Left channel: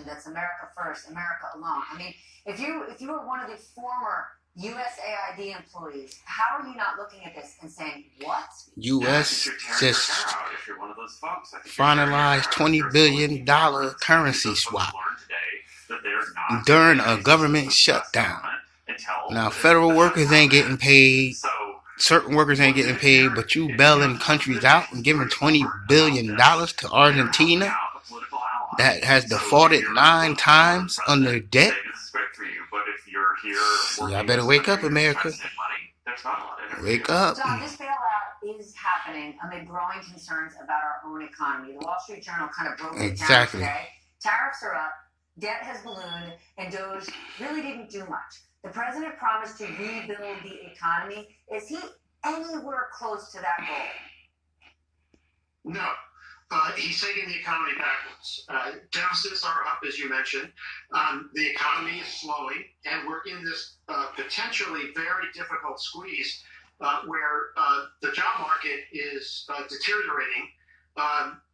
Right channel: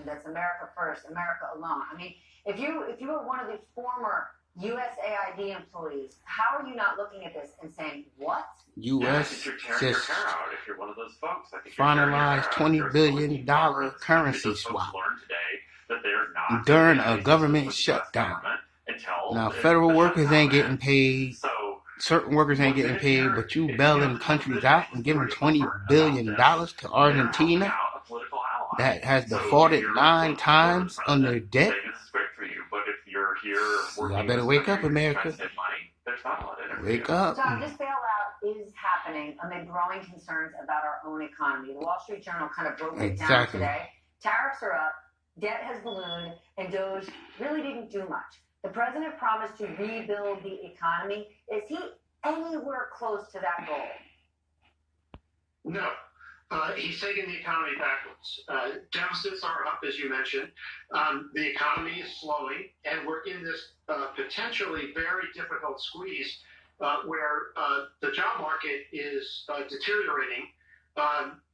administration that's America first, America alone. I mean, if you were one of the former USAID employees, how are you not looking at this and saying, what? U.S. just finalized $20 billion currency swap during a government shutdown. Now, federal workers ain't getting paid. Certain workers ain't getting paid, but you bailing countries out and giving $20 billion to Argentina that has defaulted 9 times on their debt. Y'all better wake up, America. Wake up. So this bailout is happening amid growing concerns about our own economy. The Wall Street Journal kind of broke it down today. Tariffs are up, debt has ballooned, and Doge really didn't do much. The president promised to rebuild the economy. Is he anywhere close to that goal? No. He's taking the economy backwards. Deficits are up, as you mentioned. The economy is slowing, and we're in this potentially very difficult squeeze where the job market is deteriorating.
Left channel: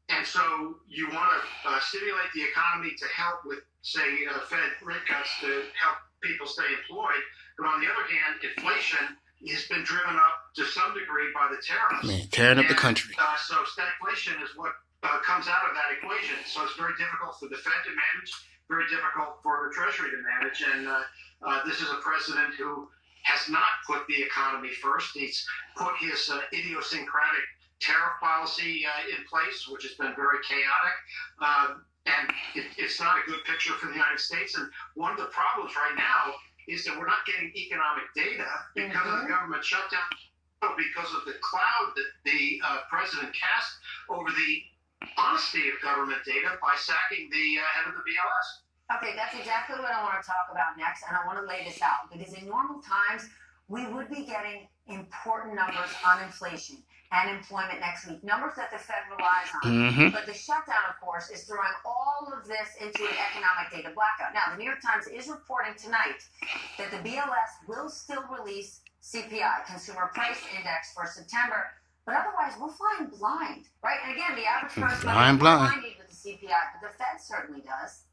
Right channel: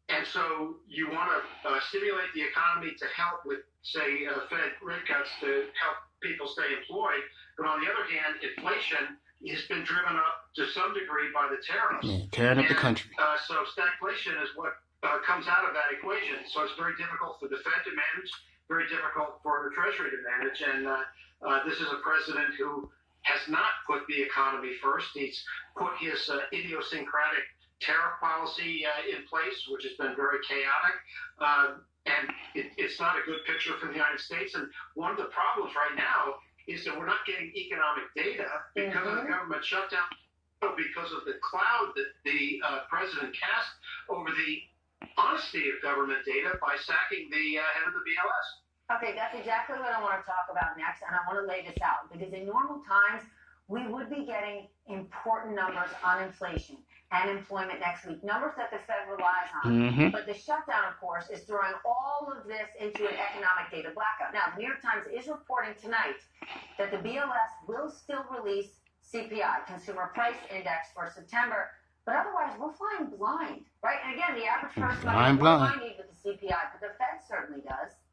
And so you want to stimulate the economy to help with, say, Fed rate cuts to help people stay employed. But on the other hand, inflation has been driven up to some degree by the tariffs. Man, tearing up the country. So stagflation is what comes out of that equation. So it's very difficult for the Fed to manage, very difficult for the Treasury to manage. And this is a president who has not put the economy first. He's put his idiosyncratic tariff policy in place, which has been very chaotic. And it's not a good picture for the United States. And one of the problems right now is that we're not getting economic data because of the government shutdown, because of the cloud that the president cast over the honesty of government data by sacking the head of the BLS. Okay, that's exactly what I want to talk about next, and I want to lay this out, because in normal times, we would be getting important numbers on inflation and employment next week, numbers that the Fed relies on. But the shutdown, of course, is throwing all of this into an economic data blackout. Now, the New York Times is reporting tonight that the BLS will still release CPI, Consumer Price Index, for September, but otherwise, we're flying blind, right? And again, the average person might not need with the CPI, but the Fed certainly does.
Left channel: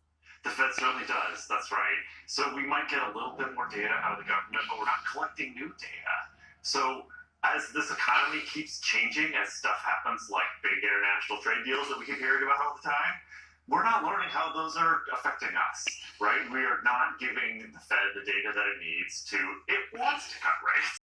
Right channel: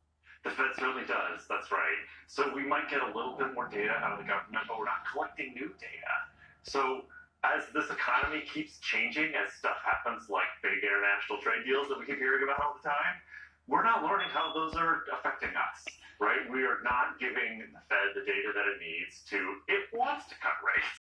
The Fed certainly does, that's right. So we might get a little bit more data out of the government, but we're not collecting new data. So as this economy keeps changing, as stuff happens like big international trade deals that we keep hearing about all the time, we're not learning how those are affecting us, right? We are not giving the Fed the data that it needs to, it wants to cut rates.